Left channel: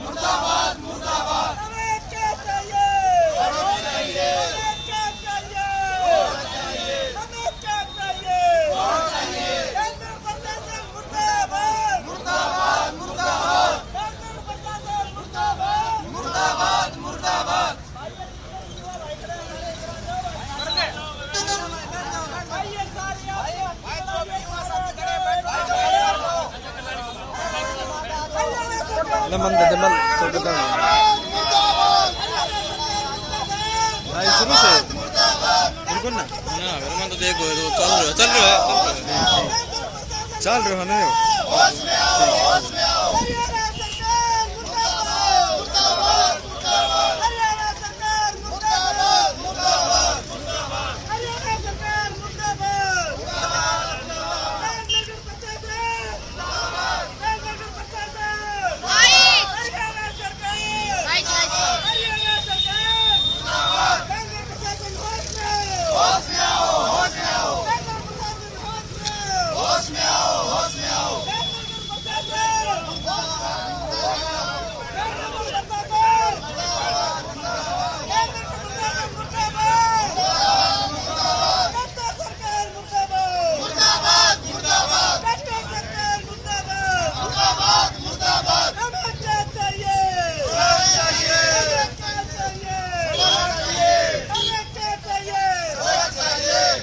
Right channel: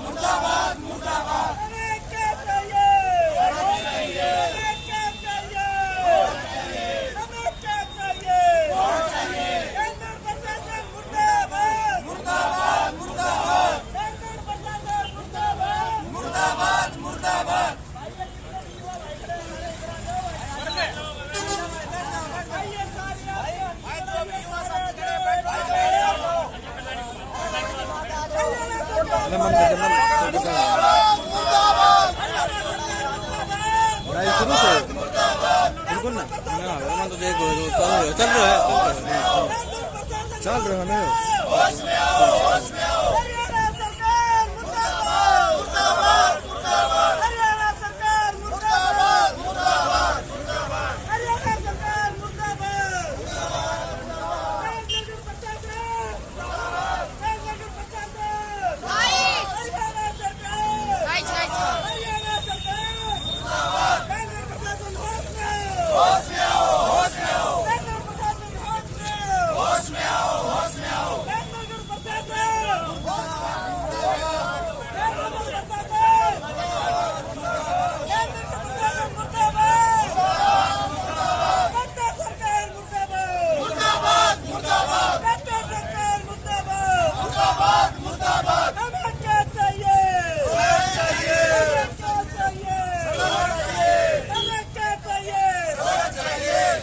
मुर्दाबाद मुर्दाबाद। हमें क्या चाहिए? हमें चाहिए हमें क्या चाहिए? हमें क्या चाहिए? केंद्र प्रशासन मुर्दाबाद मुर्दाबाद मुर्दाबाद केंद्र प्रशासन मुर्दाबाद मुर्दाबाद मुर्दाबाद। आइए सारे भाई शुरू से बिल्कुल ना तो देखो चल रहा ना हरियाणा सरकार मुर्दाबाद मुर्दाबाद मुर्दाबाद हरियाणा सरकार मुर्दाबाद मुर्दाबाद हरियाणा सरकार मुर्दाबाद नगर प्रशासन हरियाणा सरकार हरियाणा सरकार केंद्र प्रशासन होश में आओ होश में आओ केंद्र प्रशासन होश में आओ होश में आओ होश में आओ। केंद्र प्रशासन मुर्दाबाद मुर्दाबाद मुर्दाबाद मुर्दाबाद। हमें क्या चाहिए? हमें क्या चाहिए? हमें क्या चाहिए?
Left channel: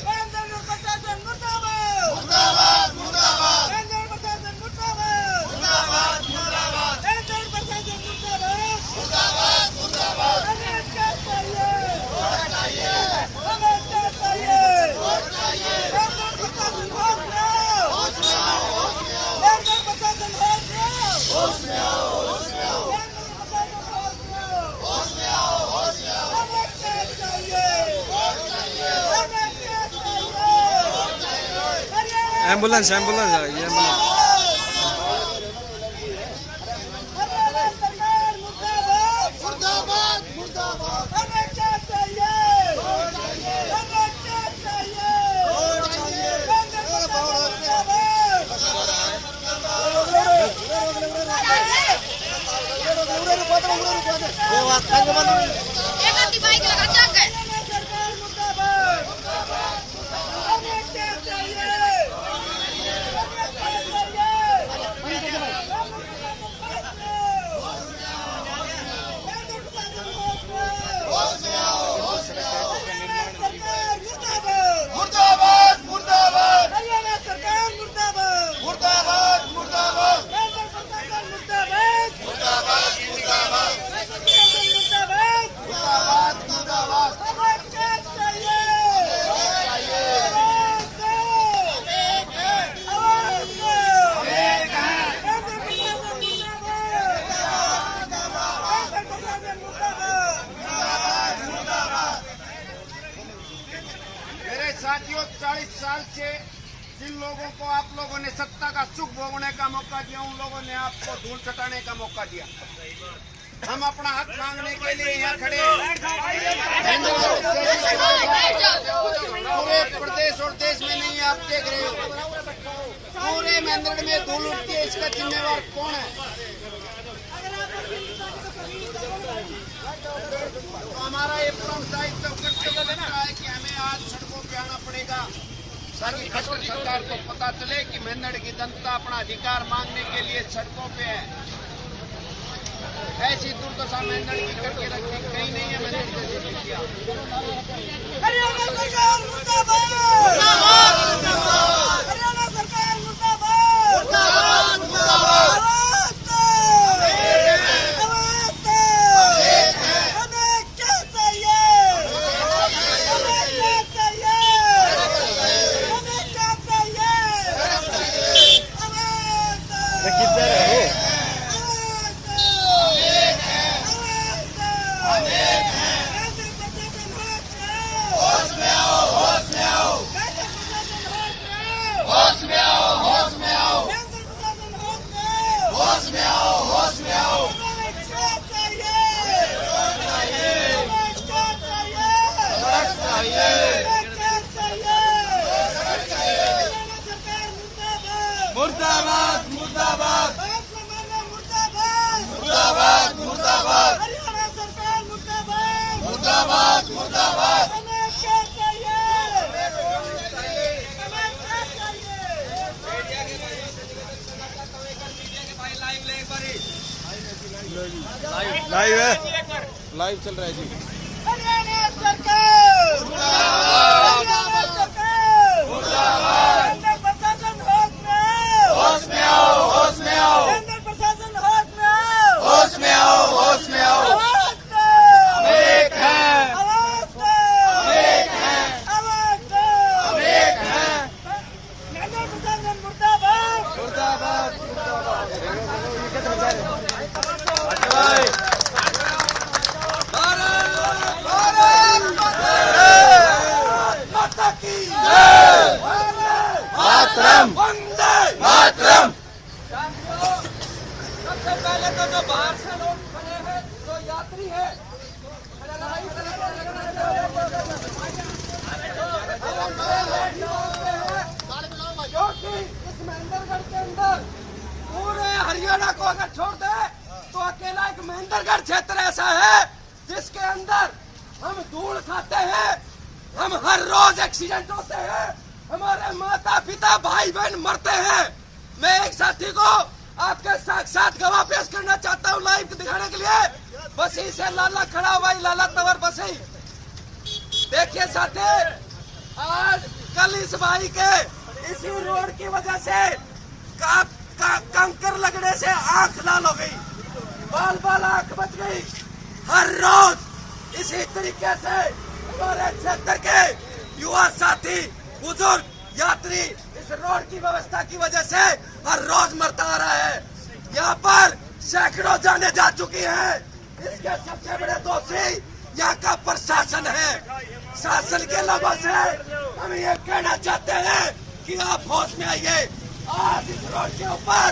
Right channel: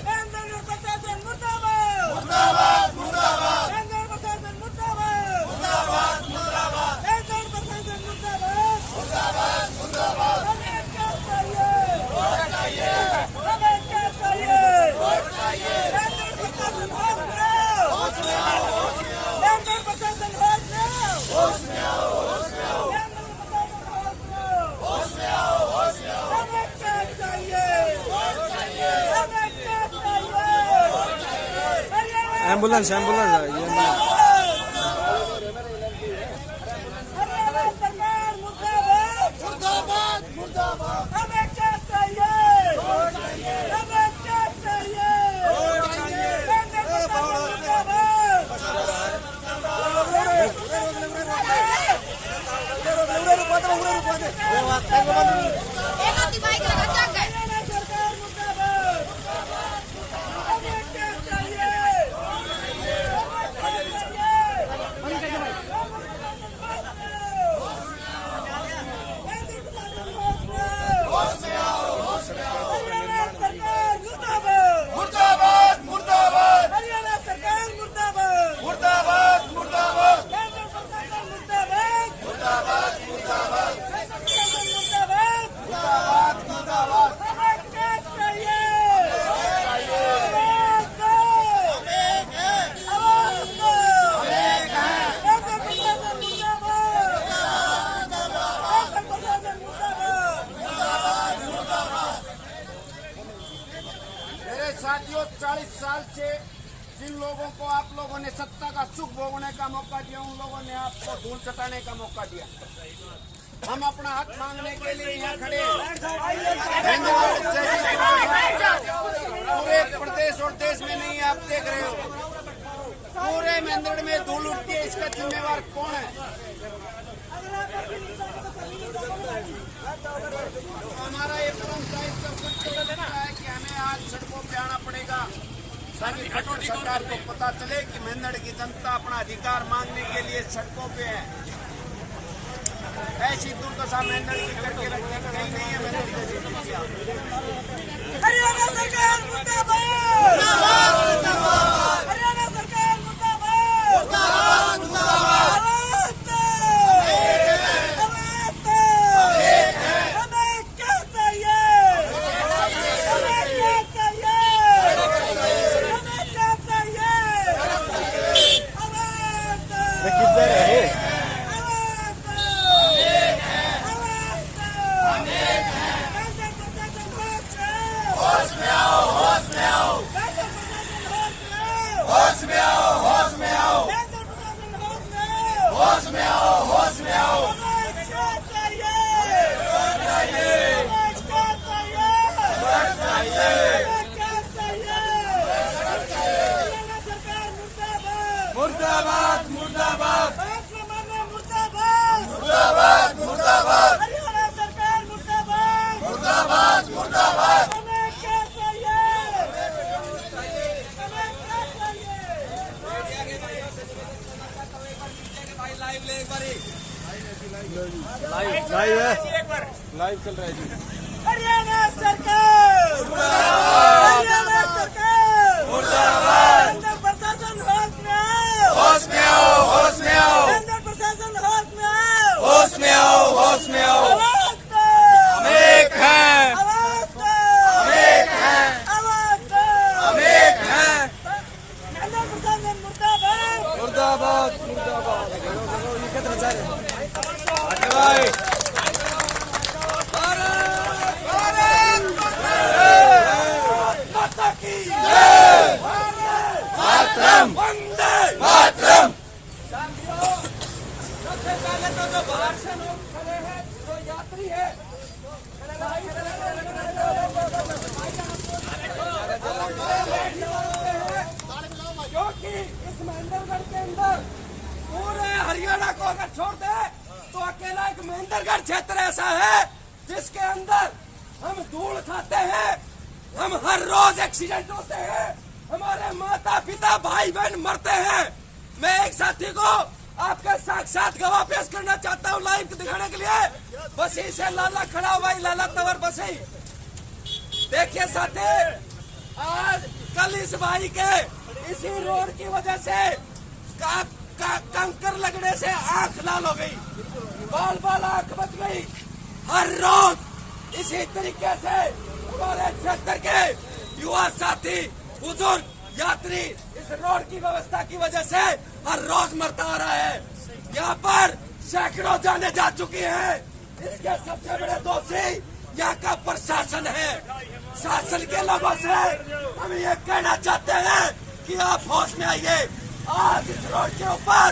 केंद्र प्रशासन मुर्दाबाद मुर्दाबाद मुर्दाबाद केंद्र प्रशासन मुर्दाबाद मुर्दाबाद मुर्दाबाद केंद्र प्रशासन मुर्दाबाद मुर्दाबाद मुर्दाबाद। हमें क्या चाहिए? हमें क्या चाहिए? केंद्र प्रशासन होश में आओ केंद्र प्रशासन होश में आओ केंद्र प्रशासन होश में आओ हमें क्या चाहिए? हमें क्या चाहिए? एम्बुलेंस एम्बुलेंस है ये एम्बुलेंस हरियाणा सरकार मुर्दाबाद मुर्दाबाद मुर्दाबाद हमें क्या चाहिए? हमें क्या चाहिए? केंद्र प्रशासन मुर्दाबाद हरियाणा सरकार मुर्दाबाद हमें क्या चाहिए? मुर्दाबाद मुर्दाबाद हरियाणा सरकार मुर्दाबाद मुर्दाबाद मुर्दाबाद केंद्र प्रशासन मुर्दाबाद मुर्दाबाद मुर्दाबाद केंद्र प्रशासन मुर्दाबाद मुर्दाबाद मुर्दाबाद। हमें क्या चाहिए? आवाज दो केंद्र प्रशासन मुर्दाबाद केंद्र प्रशासन मुर्दाबाद। मेरे साथियों, 40 साल से जिन लोगों को आप लोगों ने सत्ता का सुख भोगने का मौका दिया, उन लोगों ने आपको धूल चटाने का मौका दिया। हम अपना हक मांगने के लिए यहाँ खड़े हैं। पूरे प्रदेश और देश में नहीं, आप देख रहे हो पूरे महेंद्रगढ़ में धूल उठती है। इसका जिम्मेवार कौन है? हमारा ये परम दायित्व कर्तव्य बनता है कि हमें आज सड़कों पे आना पड़ेगा ताकि खट्टर सरकार को पता चले कि महेंद्रगढ़ की जनता अपना अधिकार मांगने के लिए सड़कों पे है। ऐसी दुर्दशा महेंद्रगढ़ की करके रखने कहीं नहीं है। महेंद्रगढ़ जैसी स्थितियां। हरियाणा सरकार मुर्दाबाद हरियाणा सरकार मुर्दाबाद आवाज दो हमें क्या चाहिए? हमें क्या चाहिए? हमें क्या चाहिए? आवाज दो होश में आओ लाइव है, लाइव चल रहा है जी। हरियाणा सरकार हरियाणा सरकार केंद्र प्रशासन होश में आओ, होश में आओ, होश में आओ, केंद्र प्रशासन होश में आओ, होश में आओ, होश में आओ। आवाज दो, नेक है, आवाज दो, नेक है, आवाज दो। नेक है। केंद्र प्रशासन मुर्दाबाद, मुर्दाबाद, मुर्दाबाद। माता की मातरम, वंदे मातरम। सबसे पहले तो जो बाहर से लोग खड़े हैं, जो यात्री है, क्योंकि इस महेंद्रगढ़ के अंदर पूरे हरियाणा को अगर छोड़ दे तो अकेला एक महेंद्रगढ़ क्षेत्र ऐसा है जिसके अंदर हम धूल खाते हैं, हम हर रोज एक्सीडेंट होते हैं, हमारे माता पिता भाई बहन मरते हैं। मैं एक साथी को आपके साक्षात गवाह पेश करना चाहता हूँ लाइव दिखाने के लिए। बसी से लाला खड़ा हुआ, लाला तवर बसी। देखिए साथी, आज कल इस भाई के इसी रोड की वजह से कंकर लगने से आंख लाल हो गई, बाल बाल आंख बच गई। हर रोज इसी तरीके से हमारे क्षेत्र के युवा साथी बुजुर्ग यात्री इस रोड की व्यवस्था की वजह से हर रोज मरता आ रहा है। यहाँ पर सैकड़ों जाने जा चुकी हैं। इसके सबसे बड़े दोषी यहाँ का प्रशासन है। शासन के लोगों से हम ये कहना चाहते हैं कि आप होश में आइए। आज इस रोड के ऊपर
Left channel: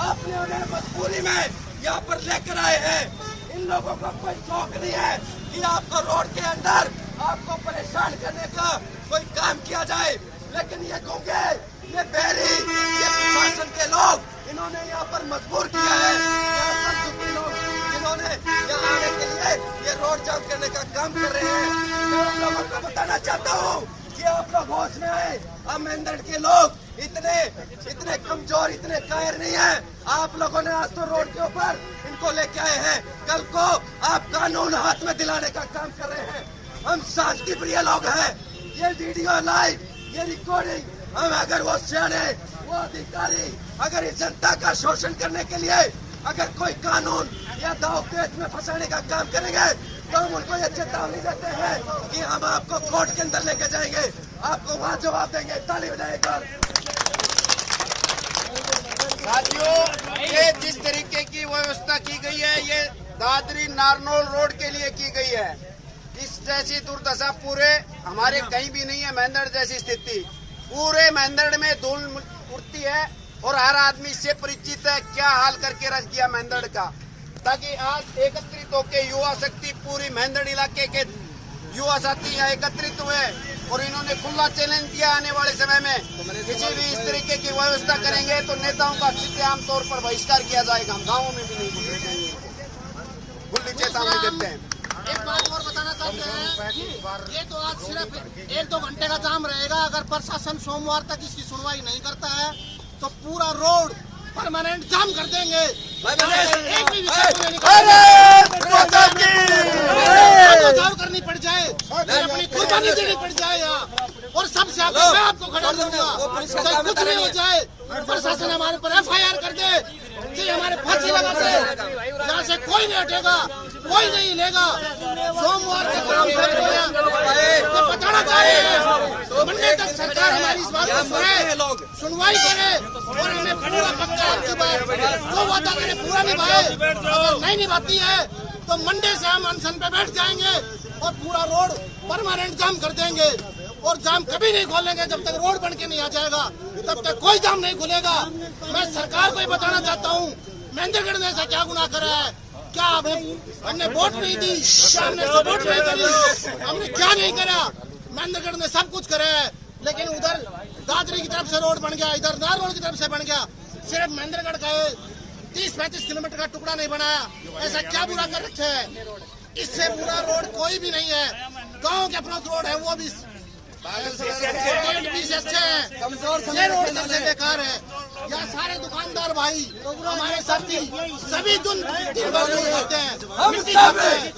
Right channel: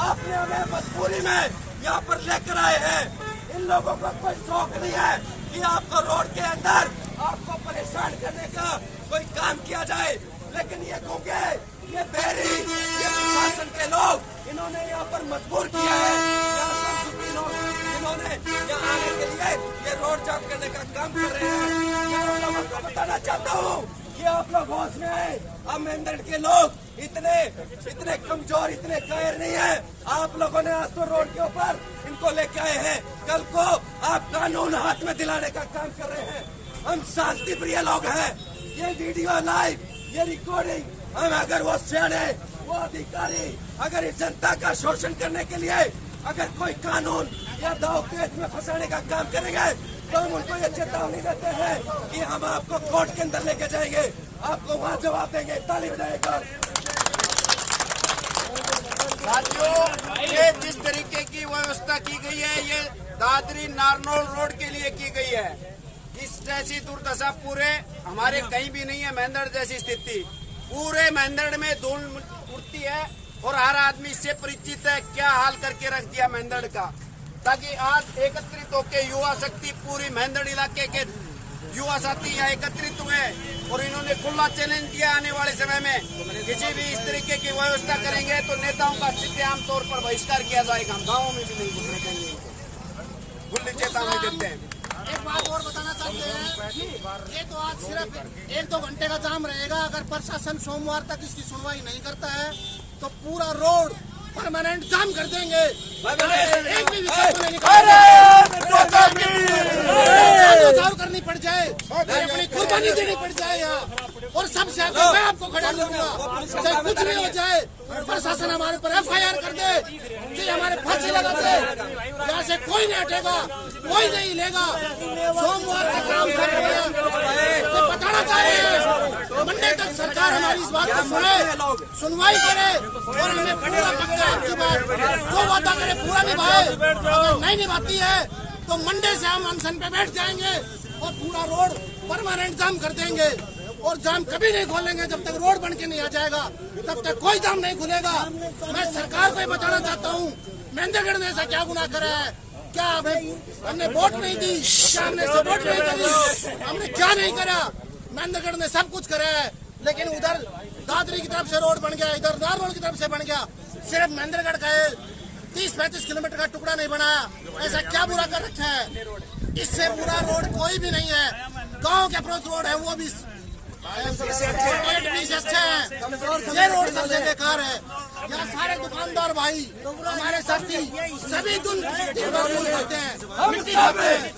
आपने उन्हें मजबूरी में यहाँ पर लेकर आए हैं। इन लोगों को कोई शौक नहीं है कि आपको रोड के अंदर आपको परेशान करने का कोई काम किया जाए, लेकिन ये गूंगे, ये बहरी, ये प्रशासन के लोग इन्होंने यहाँ पर मजबूर किया है। यहाँ पर दुखी लोग जिन्होंने यहाँ आने के लिए ये रोड जाम करने का काम कर रहे हैं। मैं उन लोगों को बताना चाहता हूँ कि आप लोग होश में आए। अब महेंद्रगढ़ के लोग इतने कमजोर, इतने कायर नहीं है। आप लोगों ने आज तो रोड के ऊपर इनको लेके आए हैं, कल को आप कानून हाथ में दिलाने का काम कर रहे हैं। हम शांति प्रिय लोग हैं। ये वीडियो लाइव, ये रिकॉर्डिंग, हम अगर वो सियाने, वो अधिकारी अगर इस जनता का शोषण करने के लिए अगर कोई कानून या दाव पेच में फंसाने का काम करेंगे तो हम उनको ये चेतावनी देते हैं कि हम आपको कोर्ट के अंदर लेके जाएंगे, आपको वहाँ जवाब देंगे। ताली बजाएगा। साथियों, ये जिस तरीके की व्यवस्था की गई है, ये दादरी नारनौल रोड के लिए की गई है। इस जैसी दुर्दशा पूरे हमारे कहीं भी नहीं है। महेंद्रगढ़ जैसी स्थिति पूरे महेंद्रगढ़ में धूल उड़ती है और हर आदमी इससे परिचित है। क्या हाल करके रख दिया महेंद्रगढ़ का, ताकि आज एकत्रित होकर युवा शक्ति पूरी महेंद्रगढ़ इलाके के युवा साथी यहाँ एकत्रित हुए और इन्होंने खुला चैलेंज दिया आने वाले समय में किसी भी इस तरीके की व्यवस्था करेंगे तो नेताओं का सीधे आम तौर पर बहिष्कार किया जाएगा। हम गाँवों में भी नहीं घुसने देंगे इनको, खुली चेतावनी देते हैं। एक बात और बताना चाहते हैं, ये तो आज सिर्फ 1-2 घंटे का जाम रहेगा। अगर प्रशासन सोमवार तक इसकी सुनवाई नहीं करता है तो पूरा रोड परमानेंट जाम कर देंगे। एक भी विकल्प नहीं बचाव करनी पड़ जाए, अपनी कुर्बानी देनी पड़ जाए यहाँ, और सबसे आगे मैं आपको खड़ा करूंगा। चाहे कुछ भी हो जाए, प्रशासन हमारे पर FIR कर दे, चाहे हमारे फांसी लगा दे, यहाँ से कोई नहीं हटेगा, कोई नहीं लेगा। सोमवार से काम कर रहे हैं, तो बताना चाह रहे हैं मंडे तक सरकार हमारी इस बात को सुने, सुनवाई करे और हमें पूरा पक्का आपकी बात जो वादा करे पूरा निभाए। अगर नहीं निभाती है तो मंडे से हम अनशन पे बैठ जाएंगे और पूरा रोड परमानेंट जाम कर देंगे। और जाम कभी नहीं खोलेंगे जब तक रोड बन के नहीं आ जाएगा, तब तक कोई जाम नहीं खुलेगा। मैं सरकार को ही बताना चाहता हूँ, महेंद्रगढ़ ने ऐसा क्या गुनाह करा है? क्या हमने वोट नहीं दी? क्या हमने सपोर्ट नहीं करी? हमने क्या नहीं करा? महेंद्रगढ़ ने सब कुछ करा है, लेकिन उधर दादरी की तरफ से रोड बन गया, इधर नारनौल की तरफ से बन गया। सिर्फ महेंद्रगढ़ का 30-35 किलोमीटर का टुकड़ा नहीं बनाया। ऐसा क्या बुरा कर रखा है? इससे पूरा रोड कोई भी नहीं है। गांव के अप्रोच रोड है वो भी अच्छे हैं, ये रोड सबसे बेकार है। यहाँ सारे दुकानदार भाई हमारे साथी सभी दिन भर दूध खाते हैं, मिट्टी खाते हैं।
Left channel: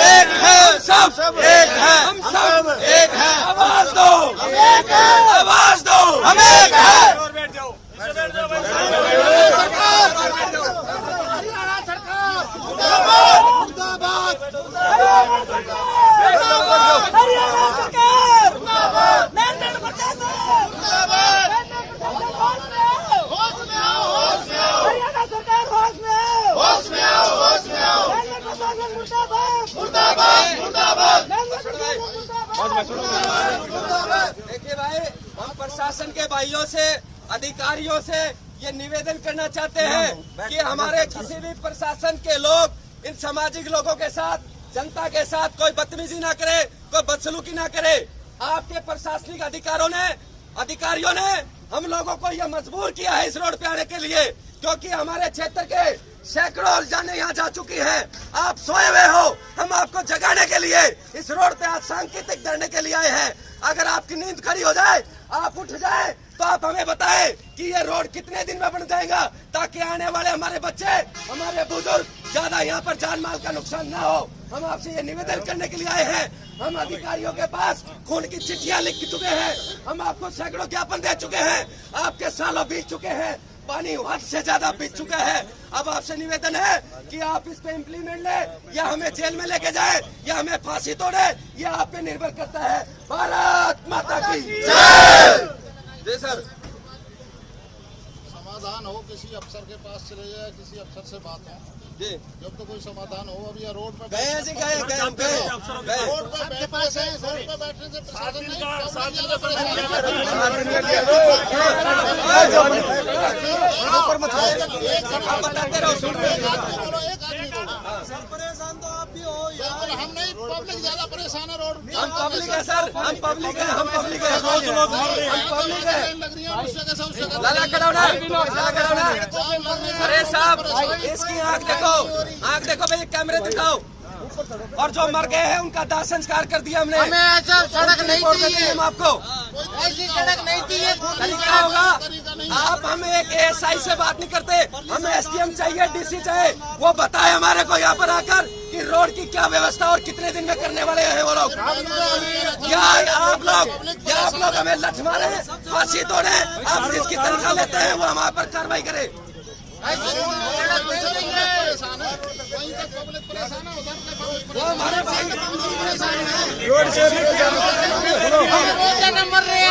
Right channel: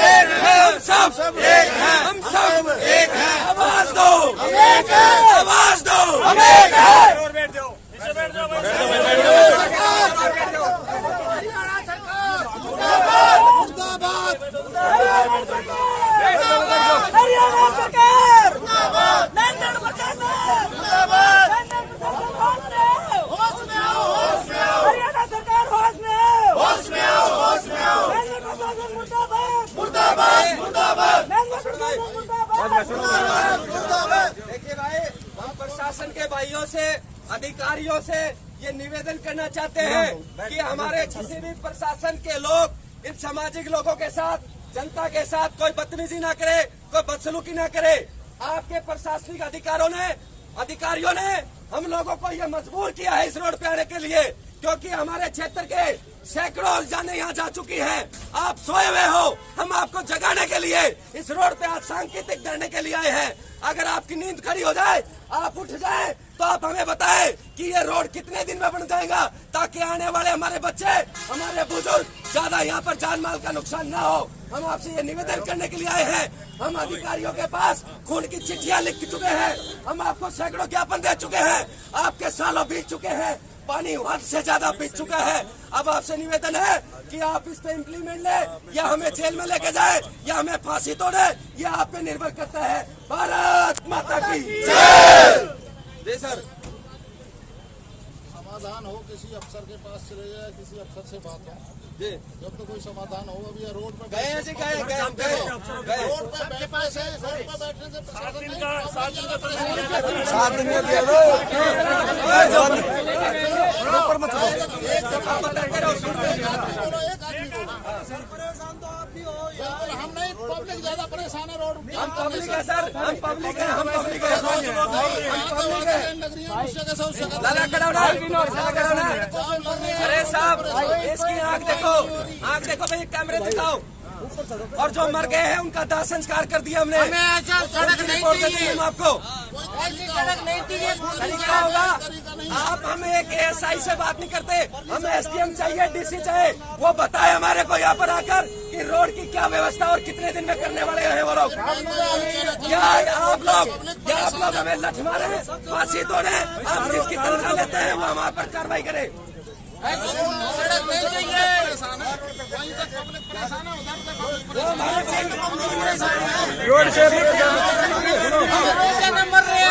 एक है सब, एक है हम सब, एक है आवाज दो, एक है आवाज दो, हम एक है। हरियाणा सरकार मुर्दाबाद, हरियाणा सरकार नरेंद्र प्रशासन हरियाणा सरकार होश में आओ, होश में आओ, होश में आओ। नरेंद्र प्रशासन मुर्दाबाद, मुर्दाबाद, मुर्दाबाद। नरेंद्र प्रशासन मुर्दाबाद। देखिए भाई, प्रशासन के भाइयों से, अधिकारियों से ये निवेदन करना चाहते हैं कि हमारे किसी भी प्रशासन के लोग इन सामाजिक लोगों के साथ, जनता के साथ कोई बदतमीजी ना करे, कोई बदसलूकी ना करे। आपके प्रशासनिक अधिकारियों ने हम लोगों को यह मजबूर किया है इस रोड पे आने के लिए, क्योंकि हमारे क्षेत्र के सैकड़ों जाने यहाँ जा चुकी हैं। आप सोए हुए हो, हम आपको जगाने के लिए इस रोड पे आज सांकेतिक धरने के लिए आए हैं। अगर आपकी नींद खड़ी हो जाए, आप उठ जाए, तो आप हमें बताएं कि ये रोड कितने दिन में बन जाएगा, ताकि आने वाले हमारे बच्चे, हमारे बुजुर्ग ज्यादा यहाँ पर जान माल का नुकसान न हो। हम आपसे ये निवेदन करने के लिए आए हैं। हम अधिकारियों के पास खून की चिट्ठियां लिख चुके हैं, हम आपको सैकड़ों ज्ञापन दे चुके हैं, आपके सालों बीत चुके हैं, पानी हद से ज्यादा बीत चुका है। अब आपसे निवेदन है कि आप इस पे इम्प्लीमेंट ले, या हमें जेल में लेके जाए, या हमें फांसी तोड़े, ये आप पे निर्भर करता है। भारत माता की जय। जी सर। समाधान हो, किसी अफसर के पास चले जाए, किसी अफसर से बात हो जी, जब तो कोई समाधान हो। अभी ये रोड पे गए रोड पे बैठने से प्रशासन नहीं, पब्लिक ज्यादा परेशान है। एक आदमी बोलो। बिल्कुल हम नहीं, पब्लिक ज्यादा परेशान है रोड जाम करने से। सर हम पब्लिक है, हम पब्लिक है। लग रही है उससे कैसा अरे साहब, इसकी आंख देखो भाई, कैमरे दिखाओ। और जो मर गए हैं उनका दाह संस्कार कर दिया हमने। हमें ऐसा सड़क नहीं चाहिए, हम आपको ऐसी सड़क नहीं चाहिए। तरीका होगा। आप हमें एक एसआई से बात नहीं करते, हमें एसडीएम चाहिए, डीसी चाहिए। वो बताए हमारे को यहाँ पर आकर कि रोड की क्या व्यवस्था और कितने दिन में करने वाले हैं वो लोग। क्या आप लोग हमें लठ मारे, फांसी तोड़े, आप जिसकी तनख्वाह लेते हैं वो हम पर कार्रवाई करें। परेशान है, वहीं तक पब्लिक परेशान है, उधर तक पब्लिक परेशान है। रोड से मर रहे हैं।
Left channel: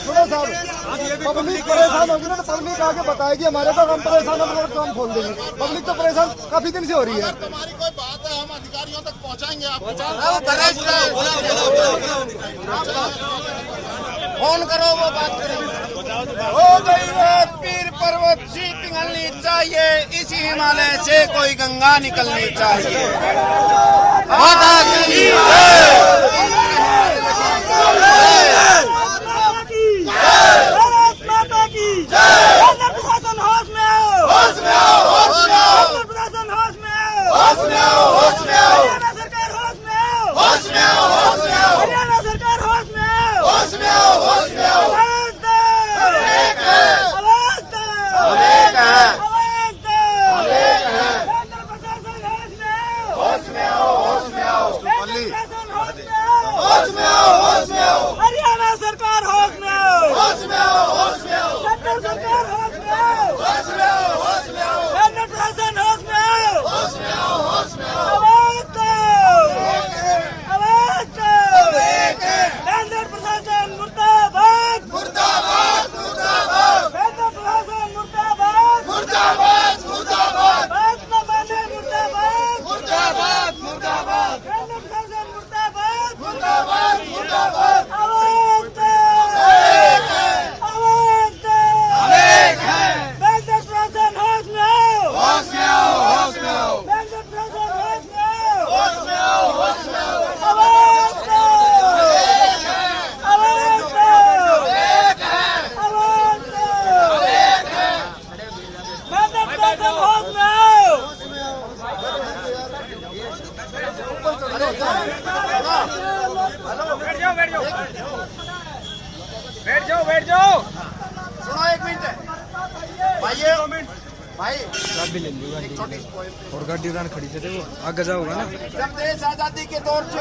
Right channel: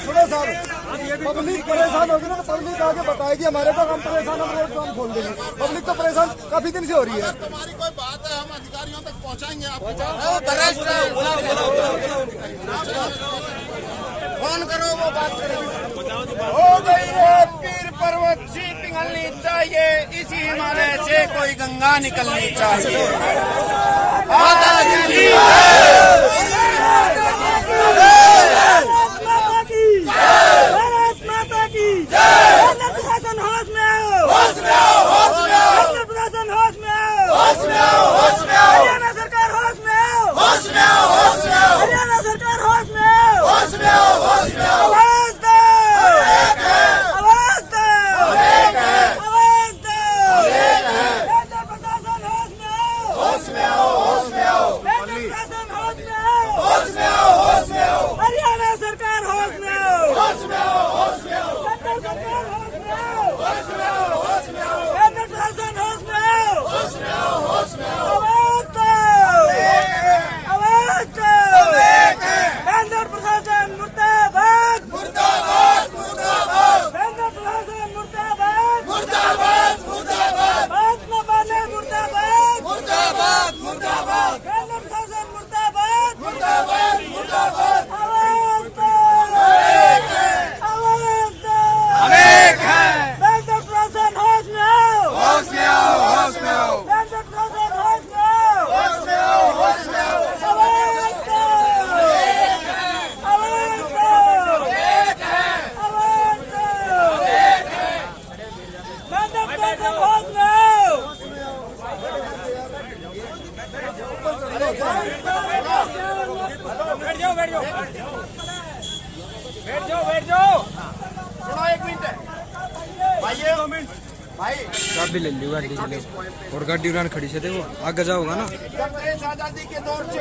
सुनो साहब, पब्लिक परेशान होगी ना, तो पब्लिक आगे बताएगी हमारे पास, हम परेशान होंगे तो हम खोल देंगे। पब्लिक तो परेशान काफी दिन से हो रही है। अगर तुम्हारी कोई बात है, हम अधिकारियों तक पहुंचाएंगे आपको। फोन करो, वो बात करेंगे। हो गई वो पीर पर्वत से पिघलनी चाहिए, इसी हिमालय से कोई गंगा निकलनी चाहिए। माता की जय। माता की जय। प्रशासन होश में आओ, होश में आओ, होश में आओ। प्रशासन होश में आओ, होश में आओ, होश में आओ। हरियाणा सरकार होश में आओ, होश में आओ, होश में आओ। हरियाणा सरकार होश में आओ, होश में आओ, होश में आओ। आवाज दो, एक है। आवाज दो, एक है। आवाज दो, एक है। प्रशासन होश में आओ, होश में आओ, होश में आओ। प्रशासन होश में आओ, होश में आओ, होश में आओ। हरियाणा सरकार होश में आओ, होश में आओ, होश में आओ। केंद्र सरकार होश में आओ, होश में आओ, होश में आओ। केंद्र प्रशासन होश में आओ, होश में आओ, होश में आओ। आवाज दो, आवाज दो, केंद्र प्रशासन मुर्दाबाद, मुर्दाबाद, मुर्दाबाद। केंद्र प्रशासन मुर्दाबाद, मुर्दाबाद, मुर्दाबाद। बात न माने मुर्दाबाद, मुर्दाबाद, मुर्दाबाद। केंद्र प्रशासन मुर्दाबाद, मुर्दाबाद, मुर्दाबाद। आवाज दो, आवाज दो, केंद्र प्रशासन होश में आओ, होश में आओ, होश में आओ। केंद्र प्रशासन होश में आओ, होश में आओ, होश में आओ। आवाज दो, आवाज दो, आवाज दो। केंद्र प्रशासन होश में आओ। सुनो एक मिनट भाई गाड़ी ले ली गाड़ी ले और गाड़ी उड़ान खड़ी से देखो आगे जाओगा ना जब देश आजादी के दौर से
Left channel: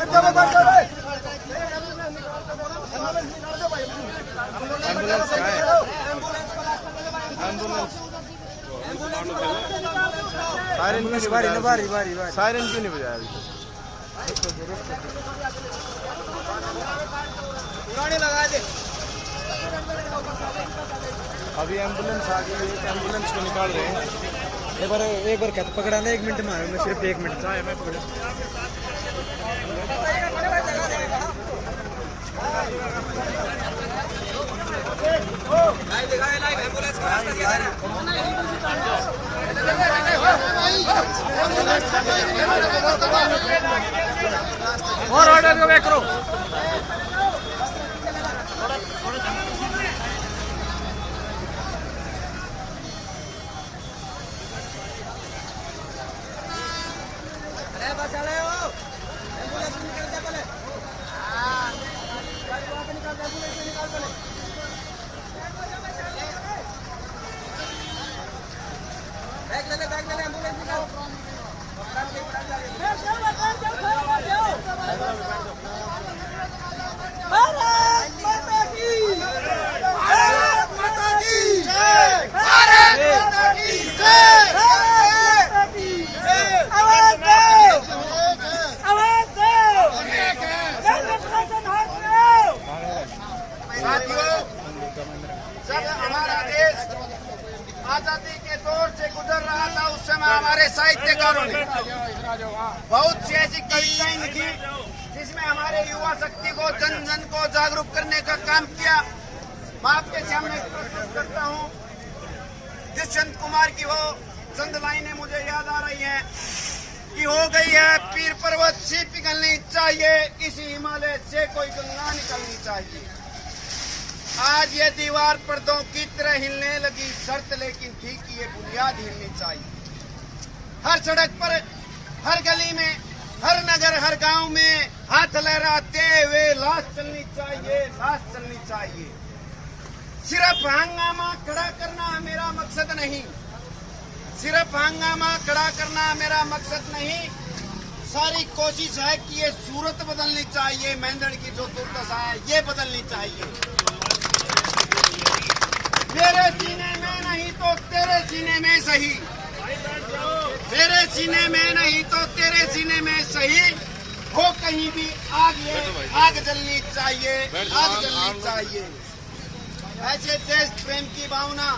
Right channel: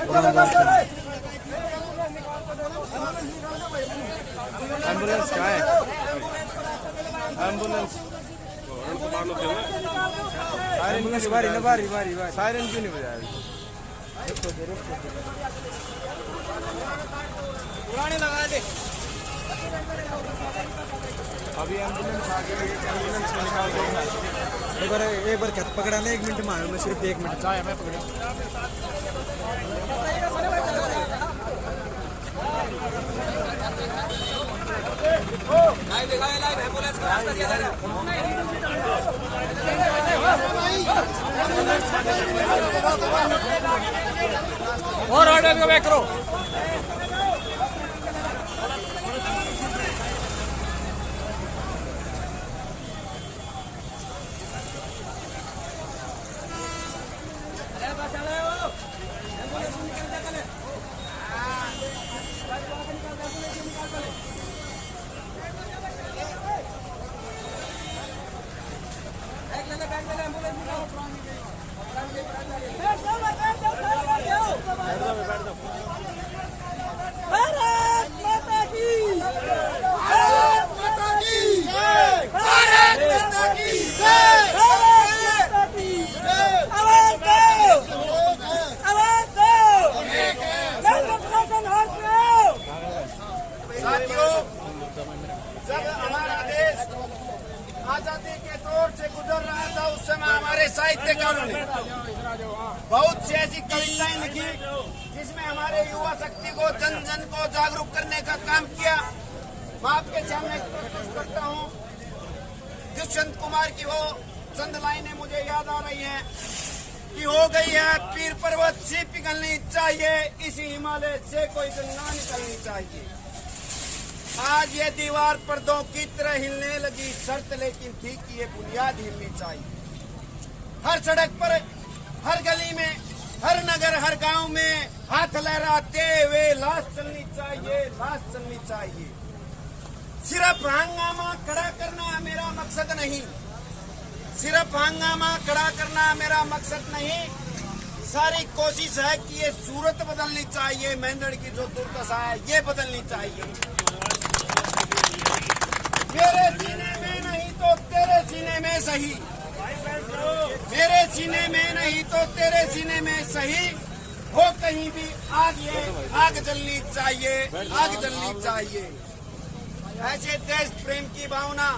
एम्बुलेंस बारी ना बारी बारी बारी सायरन क्यों नहीं बजाया अभी एम्बुलेंस आ गई एम्बुलेंस को निकाल रहे हैं एक बार क्या पकड़ा ना 1 मिनट मारो मैं सिर्फ 1 मिनट चाहे मैं पकड़ा और ऑर्डर को बैक करो भारत माता की भारत माता की भारत माता की भारत माता की आवाज दो केंद्र प्रशासन हाथ में आओ। साथियों जब हमारा देश आजादी के दौर से गुजर रहा था उस समय हमारे साहित्यकारों ने बहुत सी ऐसी कविताएं लिखी जिसमें हमारे युवा शक्ति को जन जन को जागरूक करने का काम किया। मैं आपके सामने प्रस्तुत करता हूँ दुष्यंत कुमार की वो चंद लाइनें मुझे याद आ रही हैं कि हो गई है पीर पर्वत सी पिघलनी चाहिए, इसी हिमालय से कोई गंगा निकलनी चाहिए। आज ये दीवार पर्दों की तरह हिलने लगी शर्त लेकिन ठीक ये बुनियाद हिलनी चाहिए। हर सड़क पर हर गली में हर नगर हर गांव में हाथ लहराते हुए लाश चलनी चाहिए, लाश चलनी चाहिए। सिर्फ हंगामा खड़ा करना मेरा मकसद नहीं, सिर्फ हंगामा खड़ा करना मेरा मकसद नहीं। सारी कोशिश है कि ये सूरत बदलनी चाहिए, मेंढड़ की जो दुर्दशा है ये बदलनी चाहिए। मेरे सीने में नहीं तो तेरे सीने में सही, मेरे सीने में नहीं तो तेरे सीने में सही हो कहीं भी आग जलनी चाहिए, आग जलनी चाहिए। ऐसे देश प्रेम की भावना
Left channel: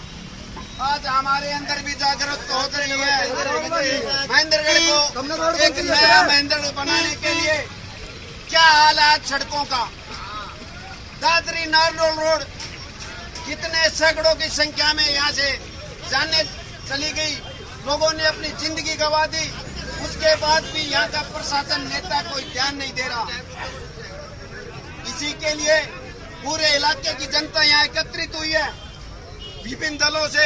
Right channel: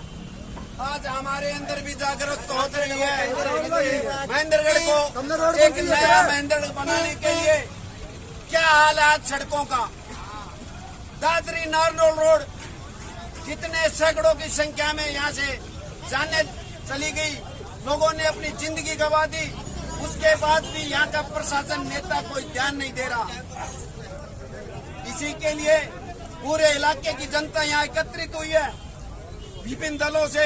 आज हमारे अंदर भी जागरूक हो रही है। महेंद्रगढ़ को एक नया महेंद्रगढ़ बनाने के लिए क्या हाल है सड़कों का। दादरी नारनौल रोड कितने सैकड़ों की संख्या में यहाँ से जाने चली गई, लोगों ने अपनी जिंदगी गंवा दी। उसके बाद भी यहाँ का प्रशासन नेता कोई ध्यान नहीं दे रहा। इसी के लिए पूरे इलाके की जनता यहाँ एकत्रित हुई है। विभिन्न दलों से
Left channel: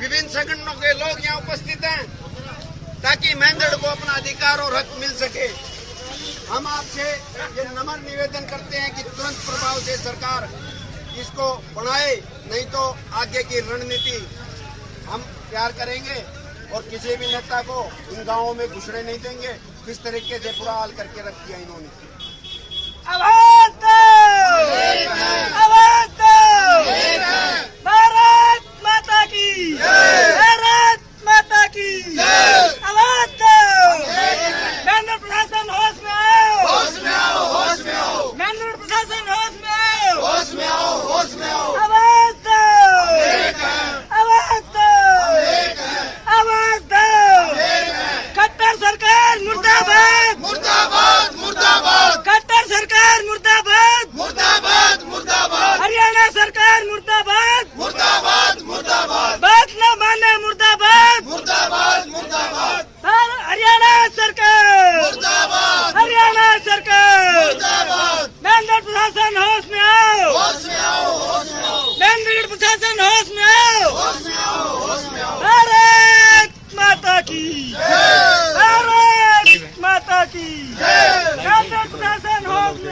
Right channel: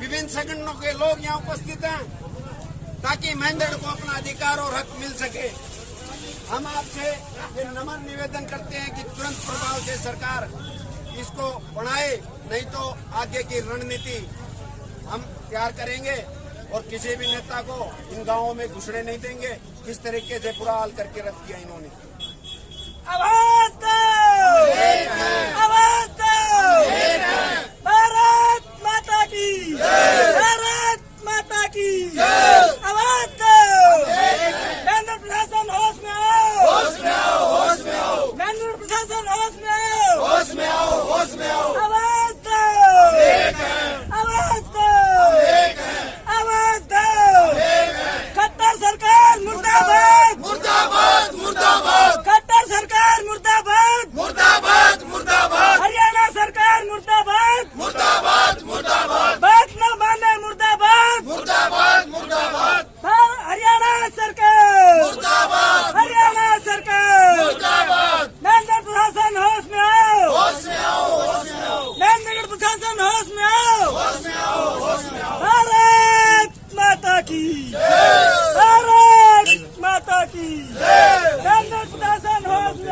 विभिन्न संगठनों के लोग यहाँ उपस्थित हैं ताकि महेंद्रगढ़ को अपना अधिकार और हक मिल सके। हम आपसे ये नम्र निवेदन करते हैं कि तुरंत प्रभाव से सरकार इसको बढ़ाए, नहीं तो आगे की रणनीति हम तैयार करेंगे और किसी भी नेता को इन गांवों में घुसने नहीं देंगे। किस तरीके से बुरा हाल करके रख दिया इन्होंने। आवाज दो, आवाज दो। भारत माता की, भारत माता की आवाज दो। केंद्र प्रशासन होश में आओ, होश में आओ, होश में आओ, केंद्र प्रशासन होश में आओ, होश में आओ, होश में आओ। आवाज दो, आवाज दो, आवाज दो। खट्टर सरकार मुर्दाबाद, मुर्दाबाद, मुर्दाबाद, खट्टर सरकार मुर्दाबाद, मुर्दाबाद, मुर्दाबाद, हरियाणा सरकार मुर्दाबाद, मुर्दाबाद, मुर्दाबाद, बात न माने मुर्दाबाद, मुर्दाबाद, मुर्दाबाद, हरियाणा सरकार, मुर्दाबाद, हरियाणा सरकार, मुर्दाबाद। मेंढर प्रशासन होश में आओ, होश में आओ, होश में आओ, मेंढर प्रशासन होश में आओ। होश में आओ, होश में आओ। भारत माता की, भारत माता की, केंद्र प्रशासन होश में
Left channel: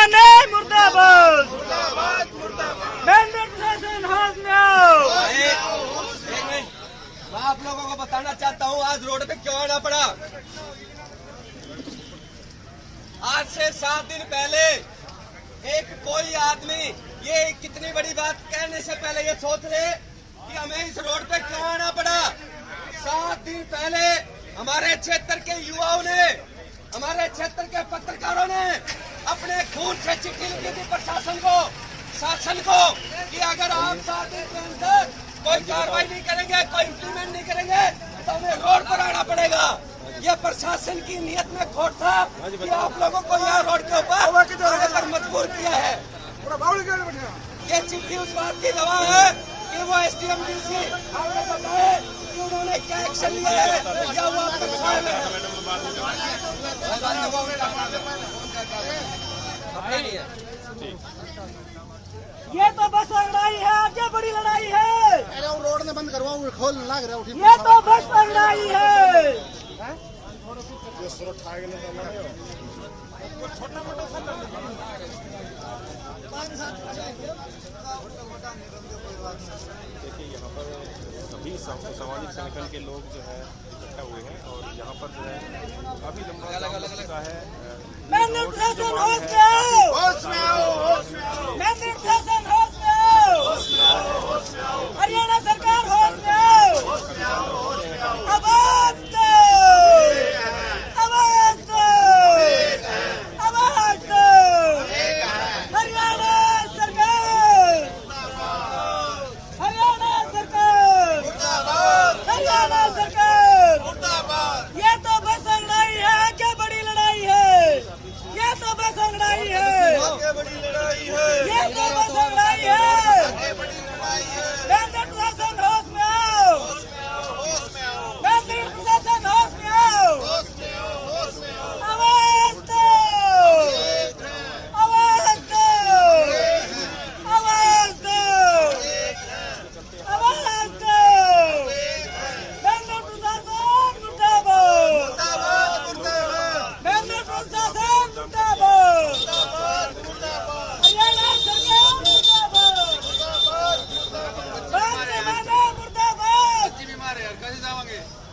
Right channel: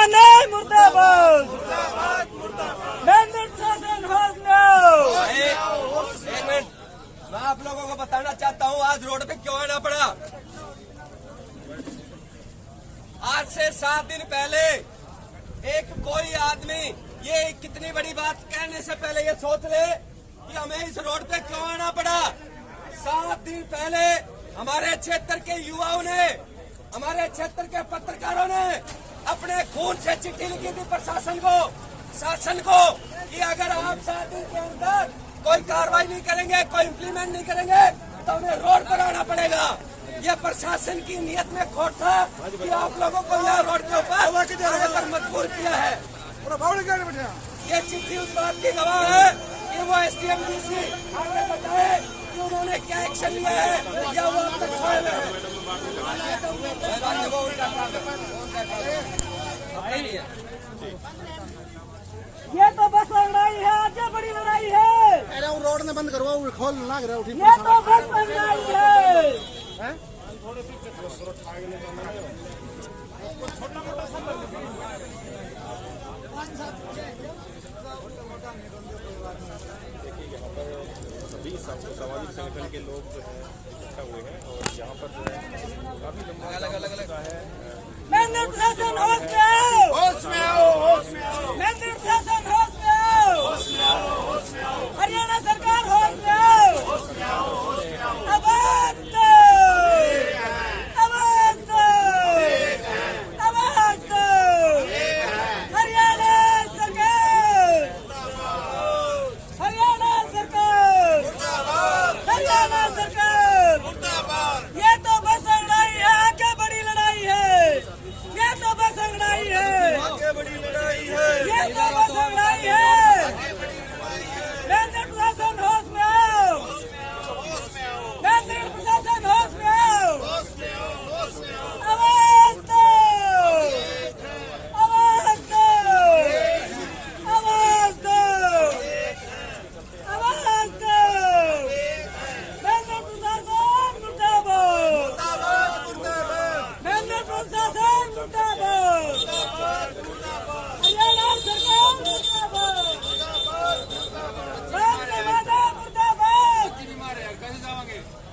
माने मुर्दाबाद, मैंडेट प्रशासन होश में आओ। एक मिनट, मैं आप लोगों को बताना चाहता हूँ आज रोड पे क्यों आना पड़ा। आज से 7 दिन पहले एक कोई आदमी ये कितनी बड़ी बात कहने से पहले ये सोच ले कि हमें इस रोड पे क्यों आना पड़ा। 7 दिन पहले हमारे क्षेत्र के युवाओं ने, हमारे क्षेत्र के पत्रकारों ने अपने खून से चिट्ठी लिखी थी प्रशासन को, शासन को, कि अगर आप 7 दिन के अंदर कोई कार्रवाई नहीं करेंगे, कोई इम्प्लीमेंट नहीं करेंगे तो हमें रोड पर आना पड़ेगा। ये प्रशासन की नीयत में खोट था कि आप लोगों को यहाँ रोड के ऊपर आने पर मजबूर किया है। ये चिट्ठी उस बात की गवाह है कि वो SDM DC आगे बताए कि उन्होंने क्या एक्शन लिया है या वो अब तक सोए हुए हैं। अपना नहीं है। ये तो बस लड़ाई है, आगे बड़ी लड़ाई है। अरे वो रोड ने बंद करवाओ, खोल लग रहा है। ये तो बस लड़ाई है। सभी सामाजिक संगठन के लोग जो है इकट्ठा हुए हैं और यहाँ पर जो है काफी लंबा है। मैंडेट प्रशासन होश में आओ, होश में आओ, होश में आओ, मैंडेट प्रशासन होश में आओ, होश में आओ, होश में आओ, हरियाणा सरकार होश में आओ। होश में आओ, होश में आओ। आवाज दो, आवाज दो, आवाज दो। हरियाणा सरकार, हरियाणा सरकार, हरियाणा सरकार। ये तो बस लड़ाई है, आगे बड़ी लड़ाई है। ये तो बस लड़ाई है, आगे बड़ी लड़ाई है। ये तो बस लड़ाई है। मैंडेट प्रशासन होश में आओ, मैंडेट प्रशासन होश में आओ। आवाज दो, आवाज दो, आवाज दो, आवाज दो। मैंडेट प्रशासन मुर्दाबाद, मैंडेट प्रशासन मुर्दाबाद, हरियाणा सरकार मुर्दाबाद, बात में माने मुर्दाबाद,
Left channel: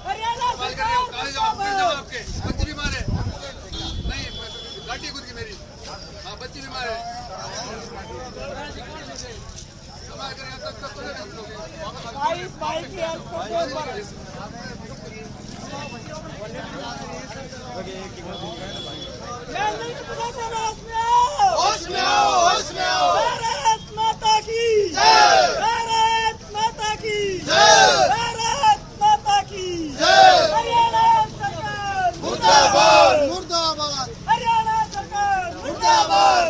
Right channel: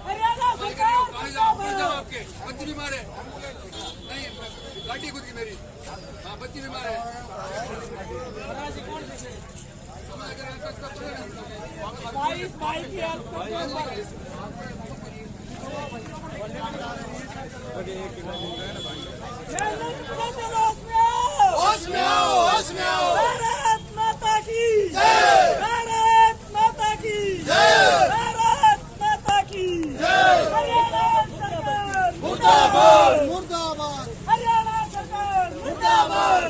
हरियाणा सरकार मुर्दाबाद। बच्ची बीमार है, नहीं लाठी कूद की मेरी, हाँ बच्ची बीमार है। बाईस की होश में आओ, होश में आओ। भारत माता की जय, भारत माता की जय, भारत माता की जय। हरियाणा सरकार मुर्दाबाद, मुर्दाबाद, हरियाणा सरकार मुर्दाबाद,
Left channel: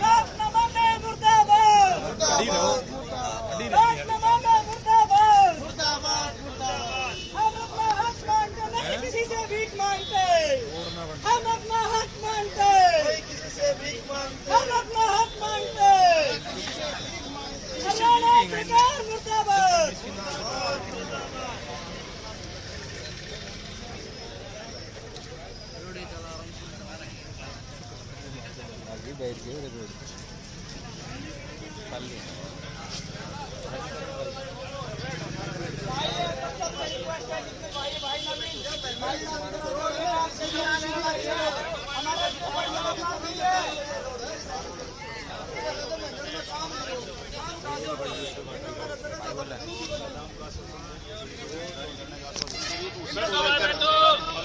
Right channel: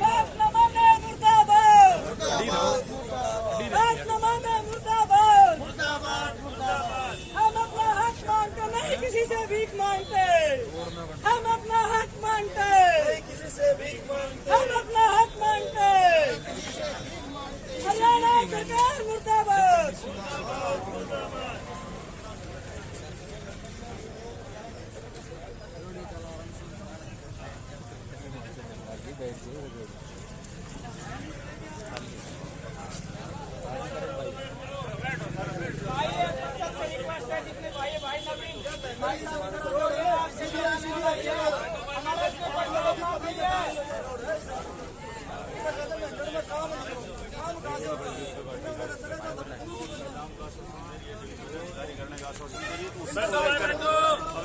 बात न माने मुर्दाबाद, बात न माने मुर्दाबाद। हम अपना हक मांगते नहीं किसी से भीख मांगते, हम अपना हक मांगते, हम अपना हक मांगते। हरियाणा सरकार मुर्दाबाद।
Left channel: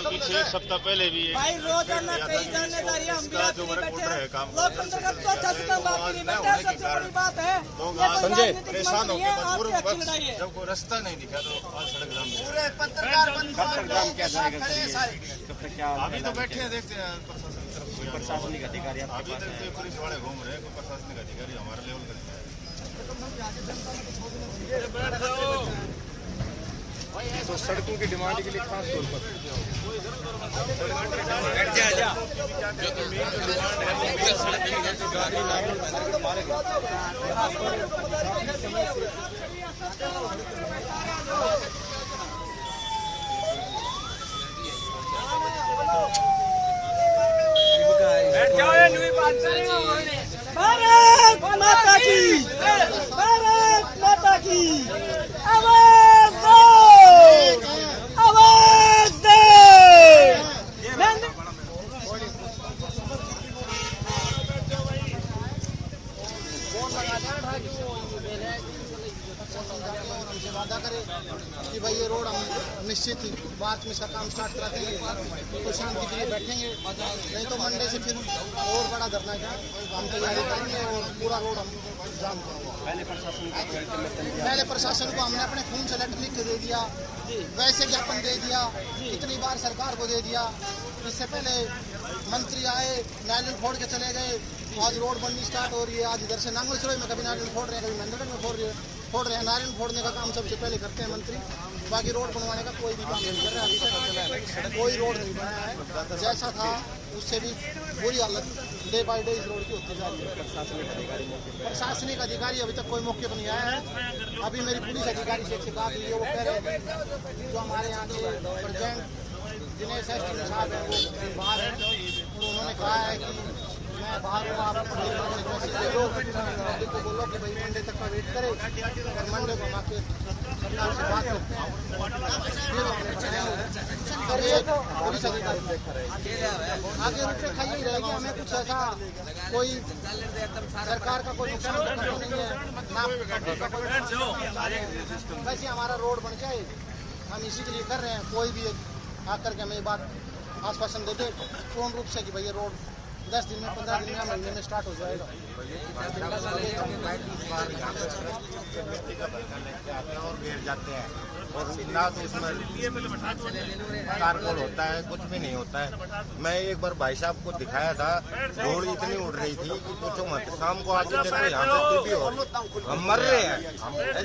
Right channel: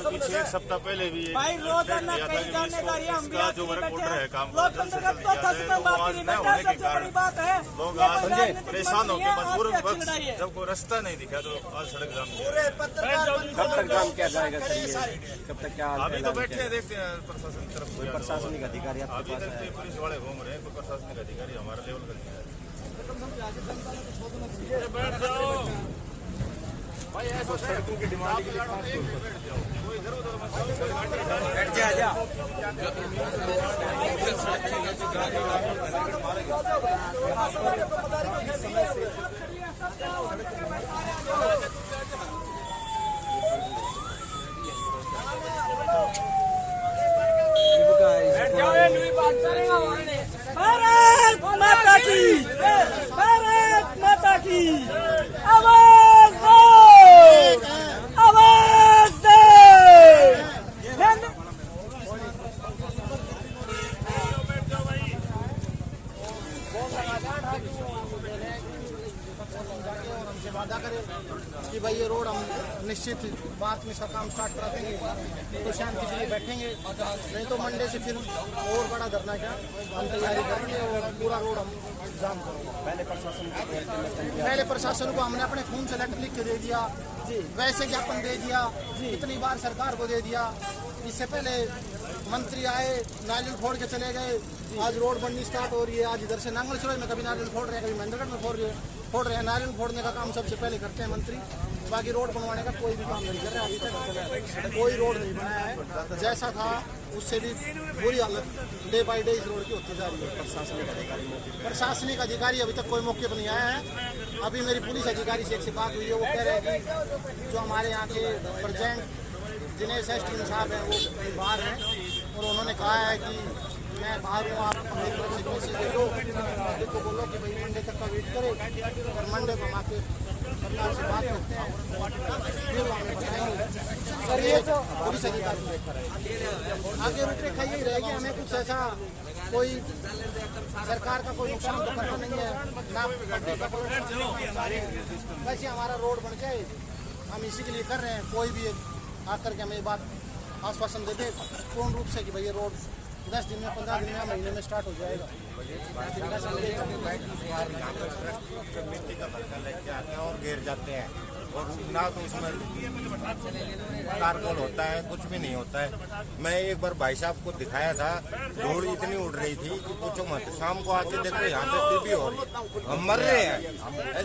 पीछे एक सप्ताह पहले भी भाई रोजाना कई जिम्मेदारी हम भी जो वर्क ऑर्डर है काम लोकतंत्र का चौथा स्तंभ आपकी बेटा सबसे बड़ी बात है। लोग ये आज कोई राजनीतिक परेशान मत नहीं होकर है, मजबूर आपकी अच्छी लड़ाई है। जब कोई रास्ता नहीं दिखा तो आज सड़क जाम है। पूरे पत्रकार बंधु के साथ खड़े हैं सारे। अभी तो बैठे हैं, देखते हैं प्रशासन की तरफ से प्रशासनिक अधिकारी अभी तक तो पुलिस वाले घूम रहे हैं, कोई प्रशासनिक अधिकारी हमारे लेवल का नहीं है। बैठ जाओ तो सड़कों की डिमांड के लिए खास बैठ भारत माता की, भारत माता की, आवाज दो, आवाज दे। और हमसे वादा करे कि भाई ये रोड हम निश्चित मार्च में इसका काम स्टार्ट करा देंगे, तो शांति के लिए बैठेंगे। नहीं तो मंडे से फिर और बड़ा धरना क्या हम तैयारी करेंगे और पूरा रोड हम जाम करेंगे। पहले प्रशासन को हमने अपने खून से लेटर लिख के दे दिया, वैसे ज्ञापन दे दिया, इतनी बार सरकार को दे दिया। इससे पहले मंत्री आए, नारियल फोड़ के चले गए। आज रोड बननी स्टार्ट हो रही है। आज इधर से नांगल सरोई में कभी नारियल फोड़ रहे हैं, कभी मंडल में फोड़ रहे हैं। नारियल फोड़ने का काम सबसे पहले करते हैं मंत्री, बाकी रोड बनवाने का कोई भी काम नहीं कर रहा। अभी तक कोई रोड नहीं बना है, तो जैसा था उससे भी बुरी हालत डे बाई डे इस रोड की होती जा रही है। प्रशासनिक अधिकारी अभी तक कोई मौके पर नहीं आया है। अभी मेरी पुलिस अधिकारी से एक बात हुई है, वो कह रहे हैं कि जो हमारे यहाँ के प्रेजेंट दिनेश एसटीएम साहब हैं वो बाहर हैं, और उन्होंने कहा है कि मैं बाहर हूँ, आप मेरी तरफ से मैसेज दे दो, पब्लिक को बोलो कि भाई मंडे तक का वेट करे, और मंडे को हम आके सरकार से बात करते हैं, फिर हमें बताएंगे। सर ये पुलिस अधिकारी आगे रूपरेखा यही रहेगी, हमें कुछ ऐसा कोई सरकार का कोई नुकसान तो करना नहीं है, ना पब्लिक का कोई नुकसान। वैसे हमारा रोड बन जाए, हम इसी के लिए कर रहे हैं। कोई भी आकर के हमें ये बात आश्वासन देते पूर्ण रूप से कि भाई ये रोड 10 दिन में, 15 दिन में, महीने में स्टार्ट हो जाएगा। इस बार यहाँ पे ट्रक मिट्टी का भरका लेके आते हैं और गिर जाते हैं, और ना तो उसमें कारकोल होता है, कुछ भी नहीं होता है। मैं एक बार भाई साहब को दिखाया था, धूल इतनी उड़ रही थी कि पूछो मत। शाम को आके देखो यहाँ पे टीबी हो रही, हम मर रहे हैं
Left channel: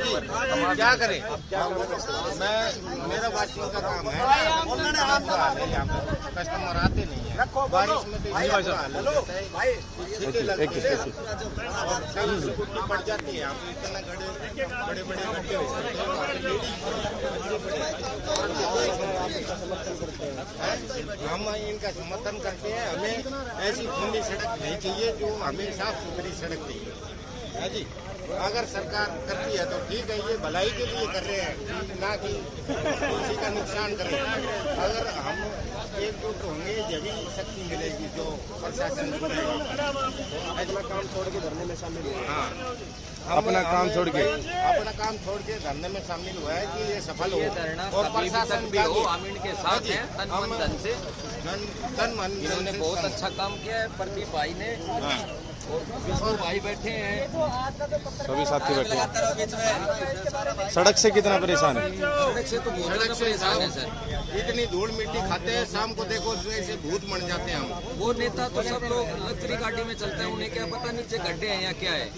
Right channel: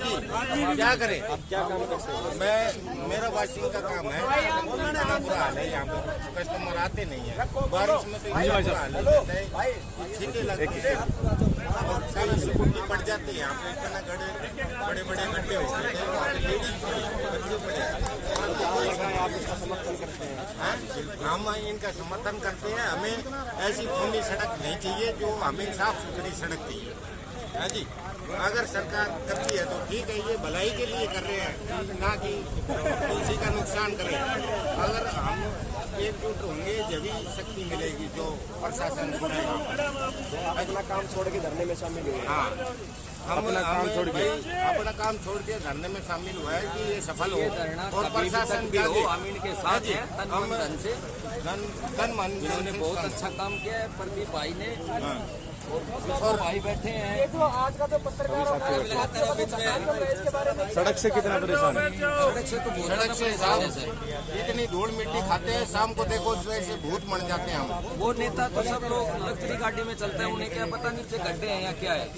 जी, हम क्या करें। मेरा वाशिंग का काम है, इतना बुरा हाल है यहाँ पे, कस्टमर आते नहीं है। बारिश में तो इतना बुरा हाल होता है, छींटे लगती है और कहीं स्कूटी पड़ जाती है। यहाँ पे इतना बड़े बड़े गड्ढे होते हैं, वहाँ पे लेडीज पड़ी, बच्चे पड़े, परंतु कोई हम इनका समर्थन करते हैं। हमें ऐसी खुली सड़क नहीं चाहिए, जो हमें साफ सुथरी सड़क चाहिए है जी। अगर सरकार करती है तो ठीक है, ये भलाई के लिए कर रहे हैं, ना कि किसी का नुकसान करें। अगर हम एकजुट होंगे जब शक्ति मिलेगी, जो प्रशासन सुनेगा। अपना काम छोड़ के धरने में शामिल हुए। हाँ, हम अपना काम छोड़ के धरने में शामिल हुआ है कि ये सफल हो, और प्रशासन भी हो, हम इनके साथ हैं। तन मन ने बहुत अच्छा काम किया है। प्रदीप भाई ने और विष्णु भाई बैठे हैं, सभी साथी बैठे हैं। सड़क से कितना परेशान है? सड़क से तो बहुत ज्यादा परेशान है सर। इतनी धूल मिट्टी खाते हैं, शाम को देखो जैसे भूत मर जाते हैं हम। वो नेता तो सब लोग लग्जरी गाड़ी में चलते हैं, उन्हें क्या पता नीचे गड्ढे हैं या क्या है।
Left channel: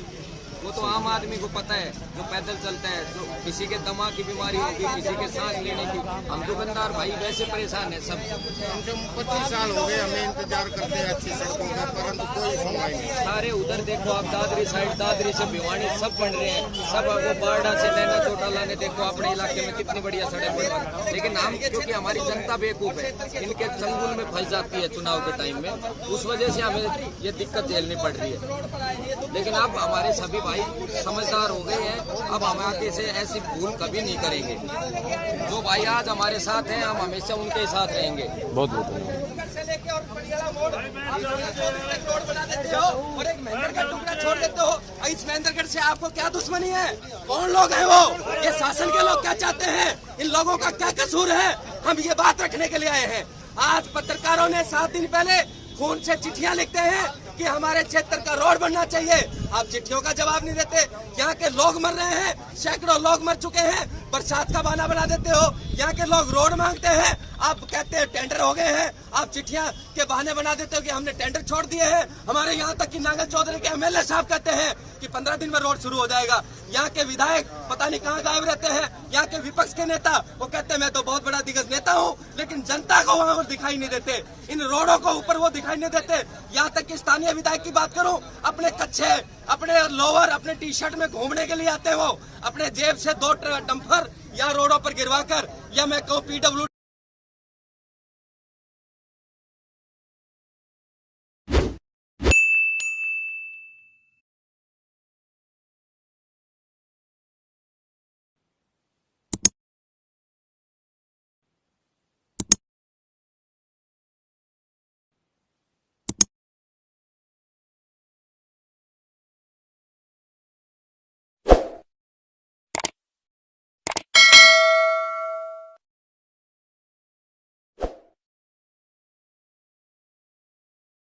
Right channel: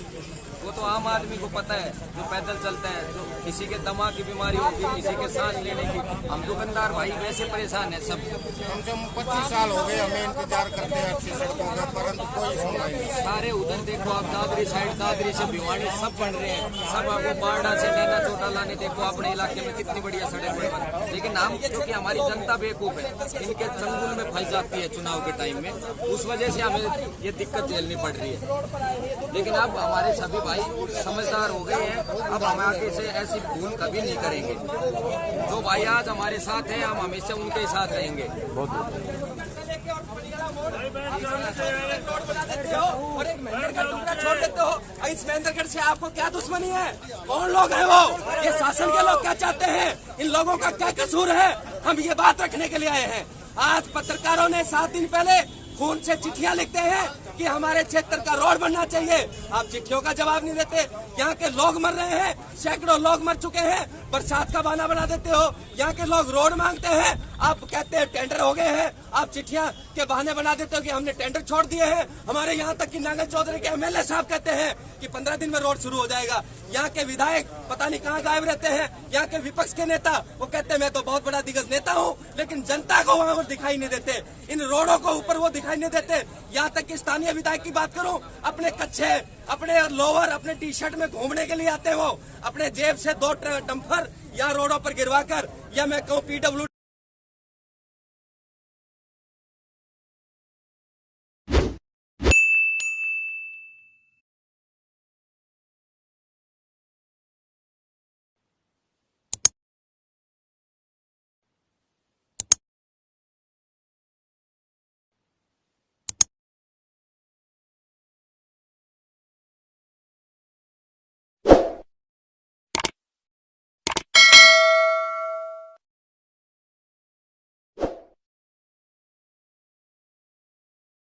वो तो आम आदमी को पता है, जो पैदल चलता है, जो किसी के दमा की बीमारी होगी, किसी के सांस लेने की। हम दुकानदार भाई वैसे परेशान है सब। कम से कम 25 साल हो गए हमें इंतजार करते हैं अच्छी सड़कों का, परंतु कोई सुनवाई नहीं। सारे उधर देखो आप, दादरी साइड, दादरी से भिवानी सब बन रहे हैं। सब वो बारडा से नैना चोटा लाने देखो, अपने इलाके में कितनी बढ़िया सड़क बनवा। लेकिन हम, क्योंकि हमारी जनता बेवकूफ है, इनके चंगुल में फंस जाती है चुनाव के टाइम में, उस वजह से हमें ये दिक्कत झेलनी पड़ रही है। लेकिन अब हमारे सभी भाई समझदार हो गए हैं, अब हम आगे से ऐसी भूल कभी नहीं करेंगे। जो भाई आज हमारे साथ हैं, हम हमेशा उनके साथ रहेंगे। बहुत बहुत और एक महेंद्र का टुकड़ा छोड़ देते हो। इस महेंद्रगढ़ से आपको क्या दुश्मनी है? कौन लोग हैं वो? ये शासन के लोग क्या चाहते हैं? इन लोगों का क्या कसूर है? हम ये बात रखने के लिए आए हैं। आज पत्रकारों ने 7 दिन पहले खून से चिट्ठियां लिखते हैं कि हमारे क्षेत्र का रोड बनना चाहिए। आप चिट्ठियों का जवाब नहीं देते। यहाँ के लोग मर रहे हैं, सैकड़ों लोग मर चुके हैं, बरसात का बहाना बना देते हो। यहाँ के लोग रोड मांगते हैं, आप कहते हैं टेंडर हो गए हैं। आप चिट्ठियां के बहाने बना देते हो कि हमने टेंडर छोड़ दिए हैं। हमारे यहाँ तक कि नांगल चौधरी के एमएलए साहब कहते हैं कि 15 दिन में रोड शुरू हो जाएगा। यहाँ के विधायक पता नहीं कहाँ गायब रहते हैं। यहाँ के विपक्ष के नेता वो कहते हैं मैं तो बहुत बड़ा दिग्गज नेता हूँ, लेकिन जनता को वहाँ दिखाई नहीं देते। इन रोडों को ऊपर वो दिखाई नहीं देते। यहाँ तक कि स्थानीय विधायक की बात करूँ, अपने कच्छे, अपने लोअर, अपने टी शर्ट में घूमने के लिए आते हैं। वो अपने जेब से 2 डंपर या रोडों पर गिरवा कर, या मैं कहूँ PW